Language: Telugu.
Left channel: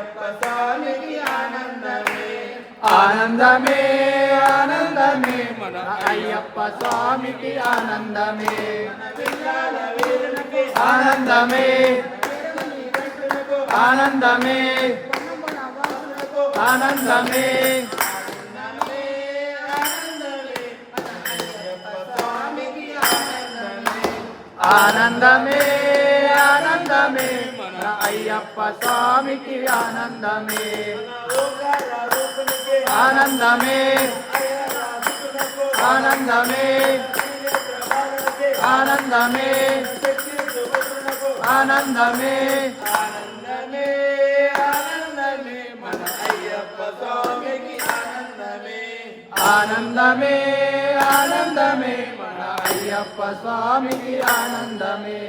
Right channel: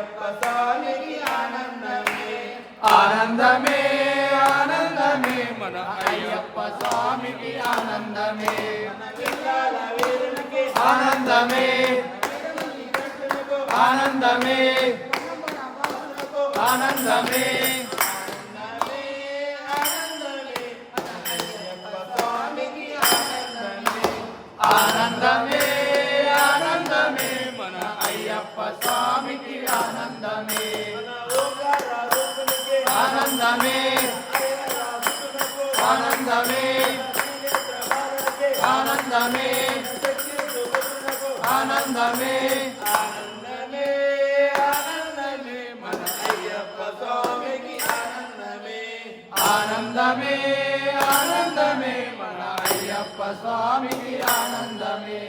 అయ్యప్ప స్వామికి ఆనందమే ఆనందమే ఆనందమే మన అయ్యప్ప స్వామికి ఆనందమే పిల్లల వీరునికి ఆనందమే ఆనందమే ఆనందమే ఆనందమే ఆనందమే మన అయ్యప్ప స్వామికి ఆనందమే ఆనందమే ఆనందమే ఆనందమే ఆనందమే ఆనందమే ఆనందమే మన అయ్యప్ప స్వామికి ఆనందమే ఆనందమే ఆనందమే మన అయ్యప్ప స్వామికి ఆనందమే